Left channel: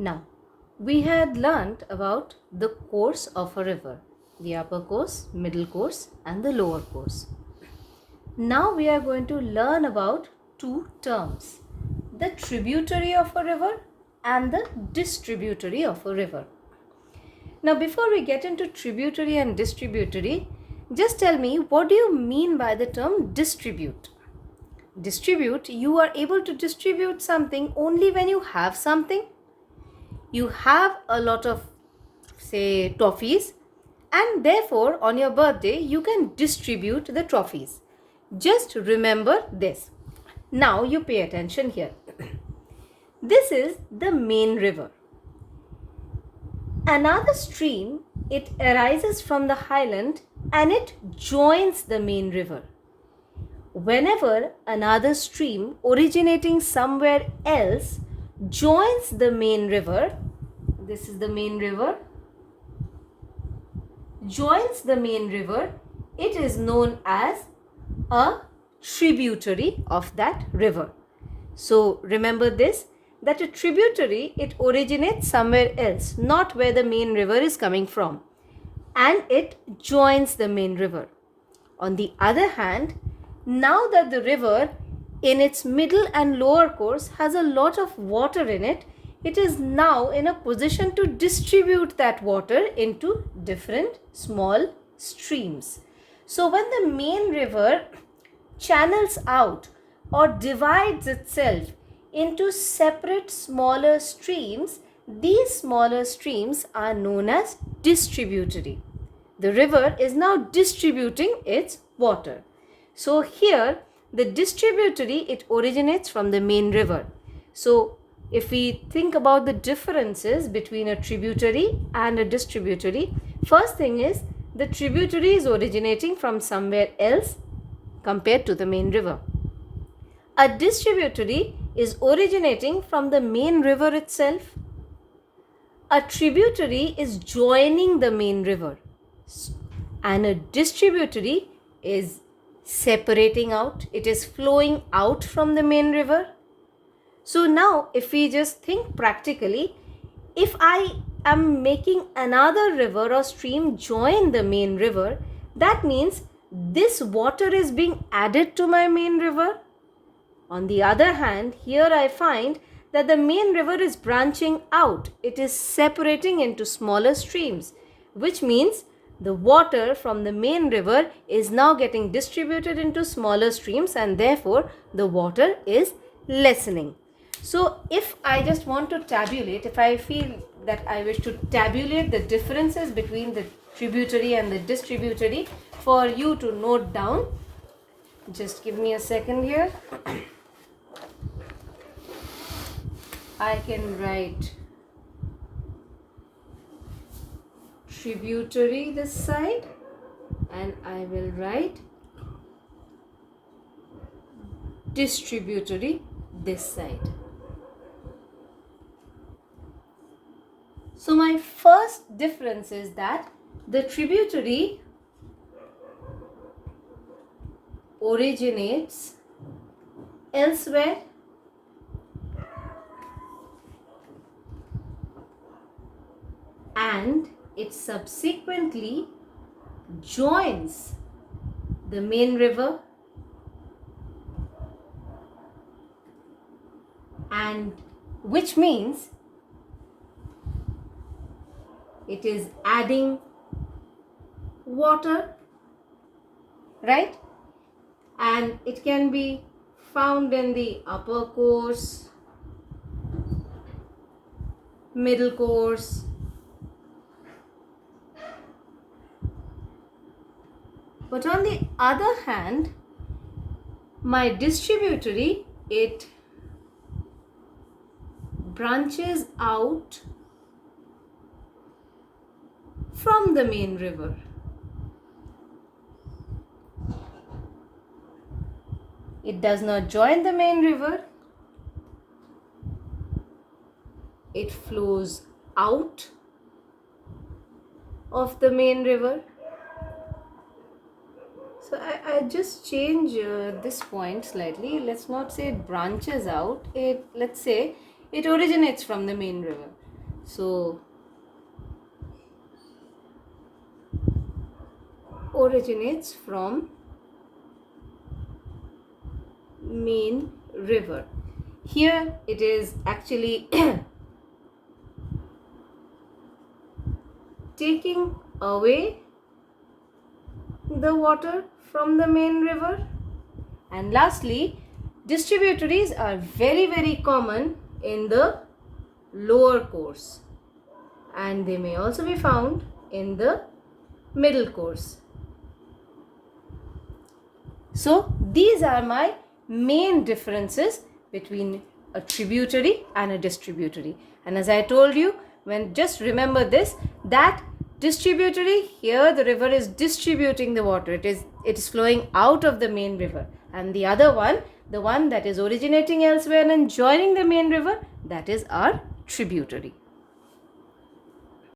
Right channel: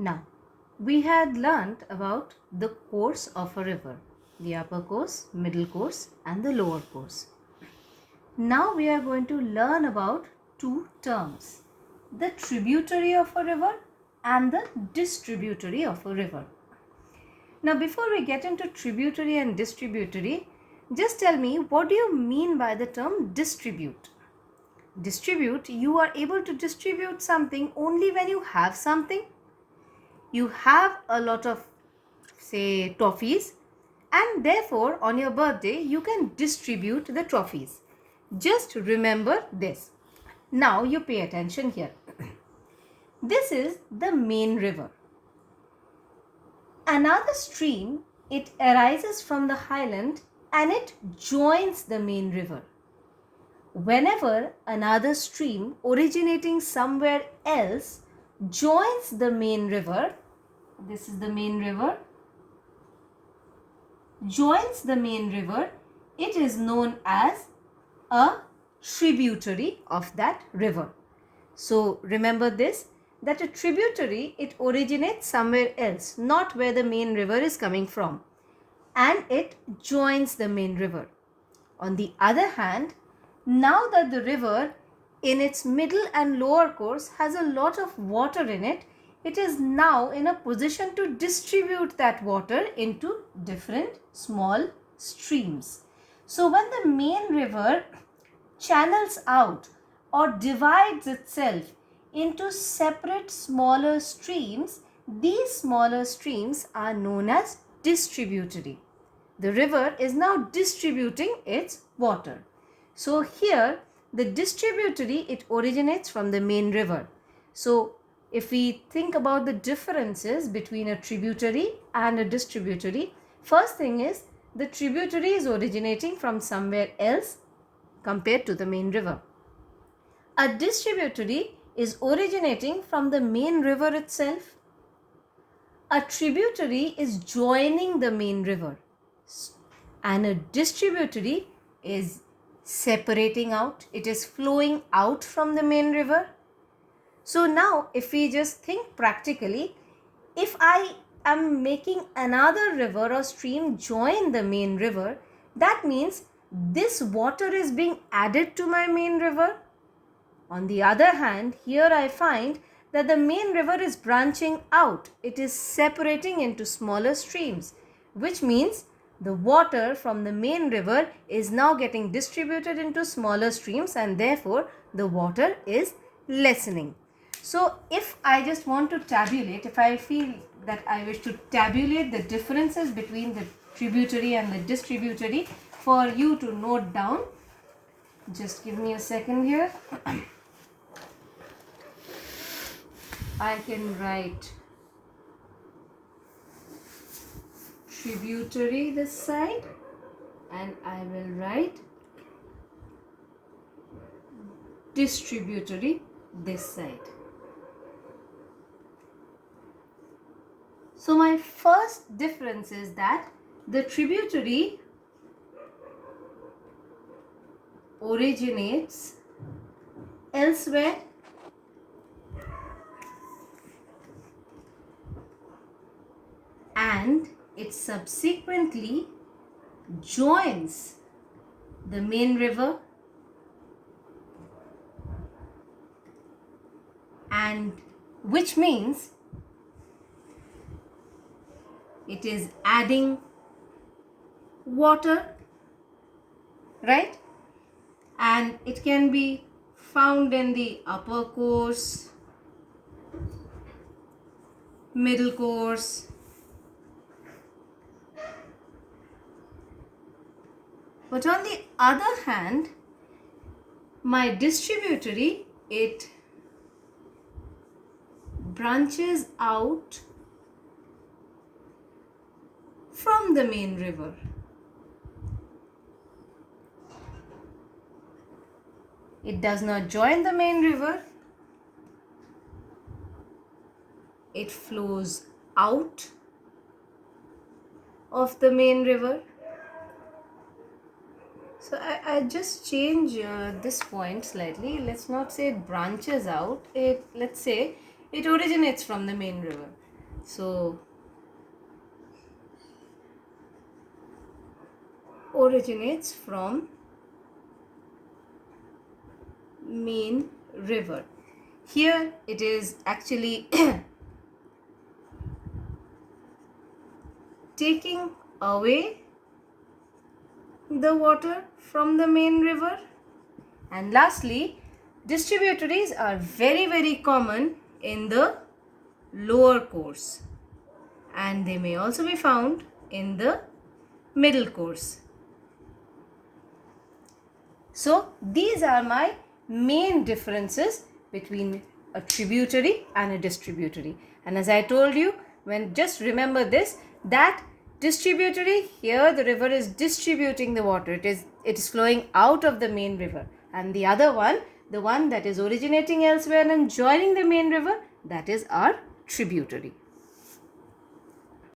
Now, we had learnt about the course of a river, the upper course, middle course, and the lower course. Now we are going to learn about two terms, the tributary of a river and the distributary of a river. Now, before we get into tributary and distributary, just tell me, what do you mean by the term distribute? Distribute, you are able to distribute something only when you have something. You have a lot of, say, toffees, and therefore on your birthday you can distribute the trophies. Just remember this. Now you pay attention here. This is the main river. Another stream, it arises from the highland and it joins the main river. Whenever another stream originating somewhere else joins the main river, this is the main river, joins the main river, it is known as a tributary of that river. So remember this, that a tributary, it originates somewhere else, not where the main river is coming from, and it joins the main river. On the other hand, now that the river in its middle and lower course has a lot of water in it, it is now in a position to distribute that water into different small streams. So when the main river channels out or divides itself into separate smaller streams, these smaller streams are known as distributary. The river is now distributing its water. So here the distributary, it originates from the main river. So if we think about the differences between a tributary and a distributary, first thing is the tributary is originating from somewhere else compared to the main river. A distributary is originating from the main river itself. A tributary is joining the main river, and a distributary is separating out, it is flowing out from the main river. So now if we just think practically, if I am making another river or stream join the main river, that means this water is being added to my main river. On the other hand, here I find that the main river is branching out. It is separating into smaller streams, which means the water from the main river is now getting distributed into smaller streams, and therefore the water is lessening. So if I just want to tabulate, if I feel that I wish to tabulate the differences between the tributary and the distributary for you to note down, just give me a second here. I can write tributary this side, and I will write distributary this side. So my first difference is that the tributary originates elsewhere and it subsequently joins the main river, and which means it is adding water, right? And it can be found in the upper course, middle course, but on the other hand, my distributary, it branches out from the main river. It does not join the main river. It flows out of the main river. So I just change this point slightly. Let's not say it branches out. Let's say it originates from the main river. So originates from main river. Here it is actually taking away the water from the main river. And lastly, distributaries are very common in the lower course, and they may also be found in the middle course. So these are my main differences between a tributary and a distributary. And as I told you, just remember this, that distributary, here the river is distributing the water. It is flowing out of the main river. And the other one, the one that is originating elsewhere and joining the main river, that is our tributary.